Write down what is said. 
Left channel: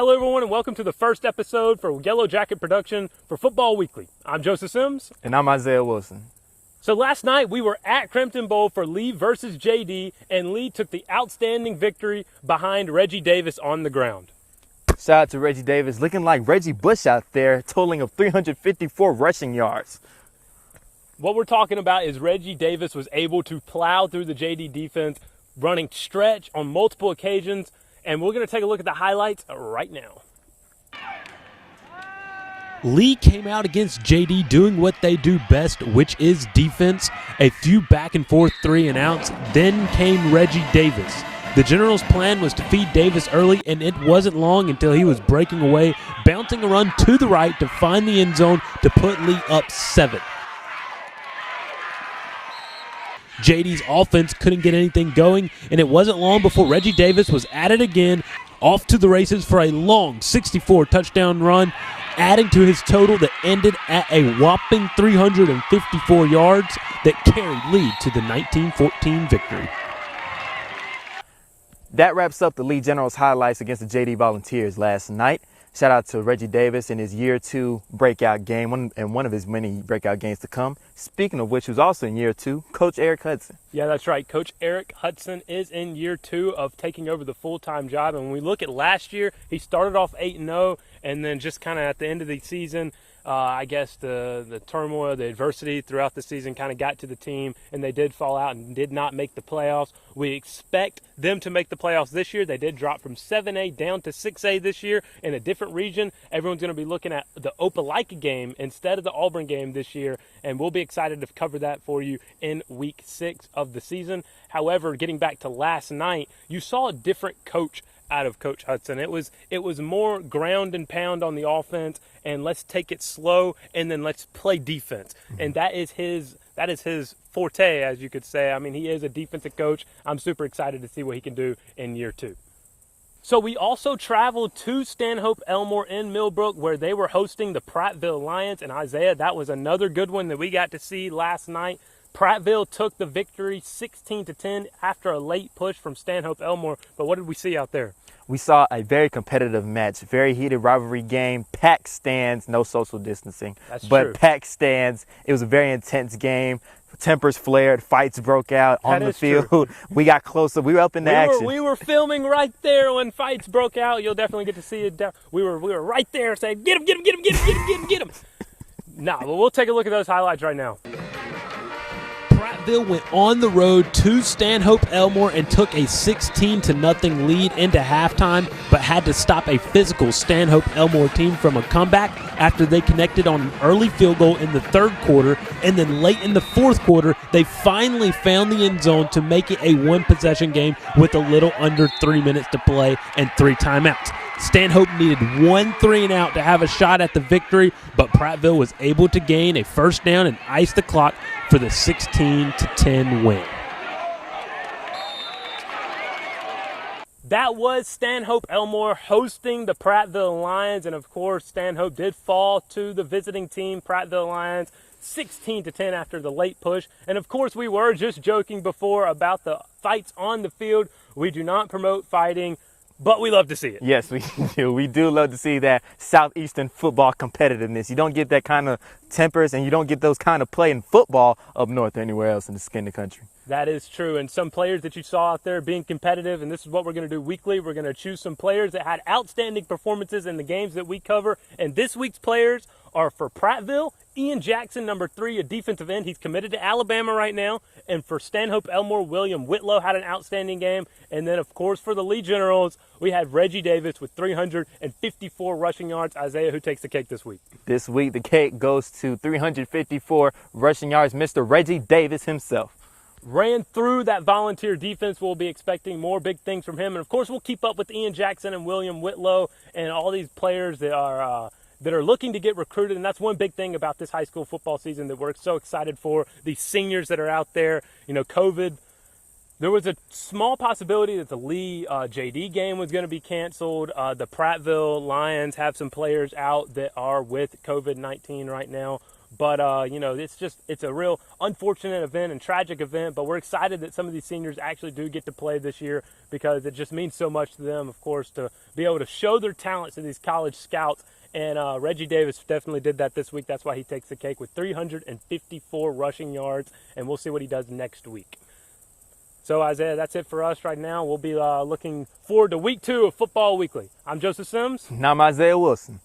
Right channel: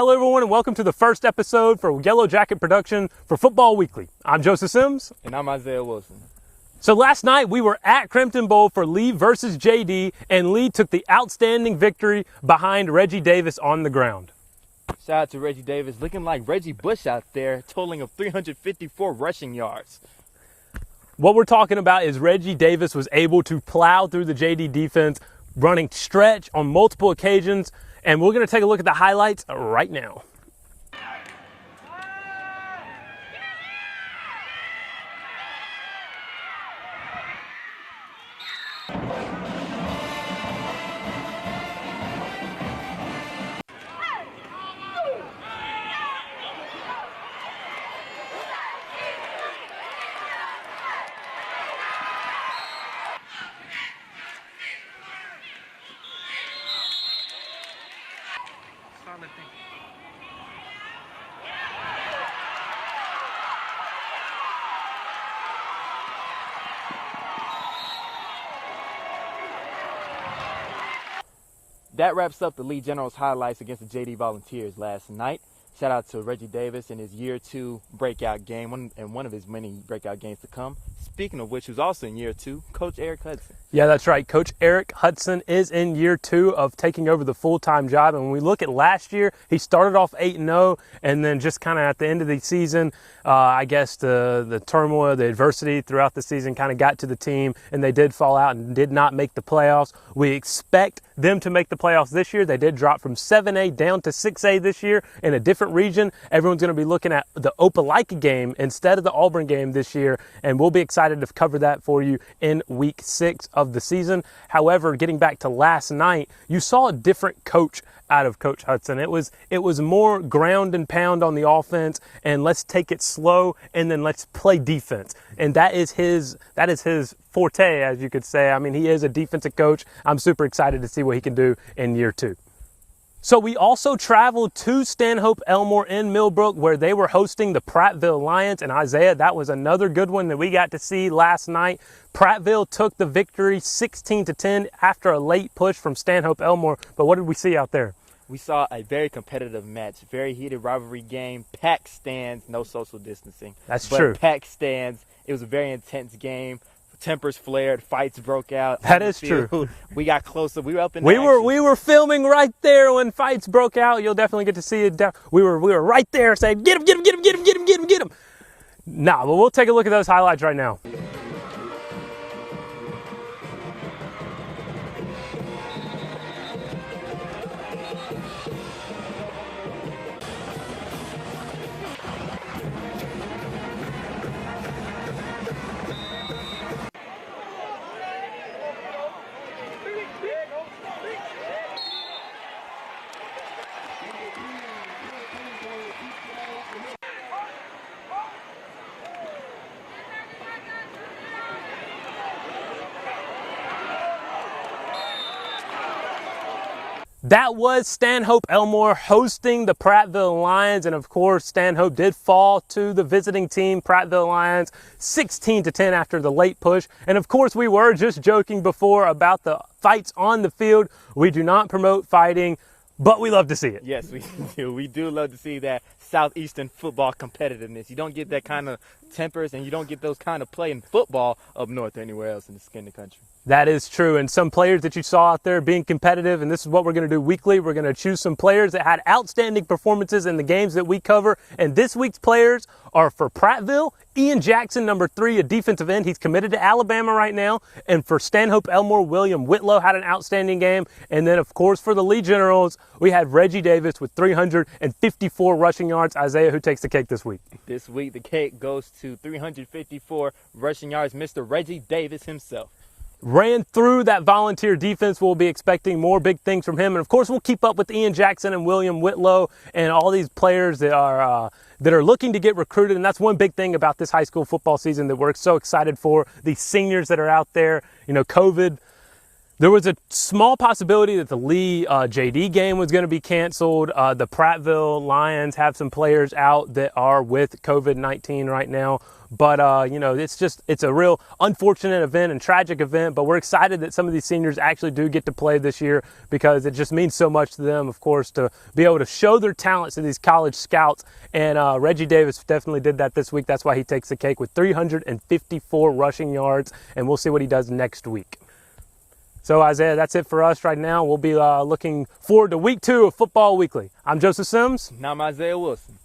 Hello everyone and welcome to the first episode for Yellow Jacket Production for Football Weekly. I'm Joseph Sims. And I'm Isaiah Wilson. So last night we were at Crimson Bowl for Lee versus JD, and Lee took the outstanding victory behind Reggie Davis on the ground. Shout out to Reggie Davis, looking like Reggie Bush out there, totaling of 354 rushing yards. What we're talking about is Reggie Davis was able to plow through the JD defense, running stretch on multiple occasions, and we're going to take a look at the highlights right now. Lee came out against JD doing what they do best, which is defense. A few back and forth 3 and outs. Then came Reggie Davis. The Generals' plan was to feed Davis early, and it wasn't long until he was breaking away, bouncing a run to the right to find the end zone to put Lee up 7. JD's offense couldn't get anything going, and it wasn't long before Reggie Davis was at it again, off to the races for a long 64 touchdown run, adding to his total that ended at a whopping 354 yards that carried Lee to the 19-14 victory. That wraps up the Lee Generals highlights against the JD Volunteers last night. Shout out to Reggie Davis in his year 2 breakout game, one of his many breakout games to come. Speaking of which, who's also in year 2, Coach Eric Hudson. Yeah, that's right. Coach Eric Hudson is in year 2 of taking over the full-time job. And when we look at last year, he started off 8-0, and then just kind of at the end of the season, I guess the turmoil, the adversity throughout the season kind of got to the team, and they did fall out and did not make the playoffs. We expect them to make the playoffs this year. They did drop from 7A down to 6A this year in a different region. Everyone's going to be looking at the Opelika game instead of the Auburn game this year, and we'll be excited to cover that for you in week 6 of the season. However, getting back to last night, you saw a different coach out of Coach Hudson. It was more ground and pound on the offense, and let's take it slow, and then let's play defense. And that is his forte, as you could say. I mean, he is a defensive coach. I'm super excited to see what he can do in year 2. So we also traveled to Stanhope, Elmore in Millbrook, where they were hosting the Pratville Lions. And Isaiah, that was another good one that we got to see last night. Pratville took the victory 16-10 after a late push from Stanhope, Elmore. But what did we see out there? We saw a very competitive match, very heated rivalry game, packed stands, no social distancing. That's true. But packed stands. It was a very intense game. Tempers flared, fights broke out on the field. True. We got closer. We were up in the action. We were filming right there when fights broke out. You'll definitely get to see it. We were right there saying, get him, get him, get him, get him, get him, get him, get him. Nah, but we'll take a look at those highlights right now. Pratville went on the road to Stanhope Elmore and took a 16-0 lead into halftime, but had to stop a physical Stanhope Elmore team from a comeback after they connected on an early field goal in the 3rd quarter, and then late in the 4th quarter, they finally found the end zone to make it a 1-possession game with a little under 3 minutes to play and 3 timeouts. Stanhope needed 1 3-and-out to have a shot at the victory, but Pratville was able to gain a first down and ice the clock for the 16-10 win. That was Stanhope Elmore hosting the Pratville Lions, and of course Stanhope did fall to the visiting team, Pratville Lions, 16-10 after the late push. And of course we were just joking before about the fights on the field. We do not promote fighting, but we love to see it. Yes, we do. We do love to see that Southeastern football competitiveness. You don't get that kind of tempers, and you don't get those kind of play in football up north or anywhere else in the country. That is true. And some players that you saw out there being competitive, and this is what we're going to do weekly. We're going to choose some players that had outstanding performances in the games that we cover. And this week's players are for Pratville, Ian Jackson, number 3, a defensive end. He's committed to Alabama right now. And for Stanhope Elmore, William Whitlow had an outstanding game. And then, of course, for the Lee Generals, we had Reggie Davis with 354 rushing yards. Isaiah, who takes the cake this week? This week, the cake goes to 354 rushing yards, Mr. Reggie Davis himself. Ran through that volunteer defense. We'll be expecting more big things from him. And, of course, we'll keep up with Ian Jackson and William Whitlow and all these players that are looking to get recruited. And that's one big thing about this high school football season that we're so excited for. These seniors that are out there, you know, COVID. There was a small possibility that the Lee JD game was going to be canceled. The Pratville Lions have some players out that are with COVID-19 right now. But, you know, it's a real unfortunate event and tragic event, but we're excited that some of these seniors actually do get to play this year because it just means so much to them, of course, to be able to show their talents to these college scouts. And Reggie Davis definitely did that this week. That's why he takes the cake with 354 rushing yards, and we'll see what he does next week. So, Isaiah, that's it for us right now. We'll be looking forward to week 2 of Football Weekly. I'm Joseph Sims. And I'm Isaiah Wilson.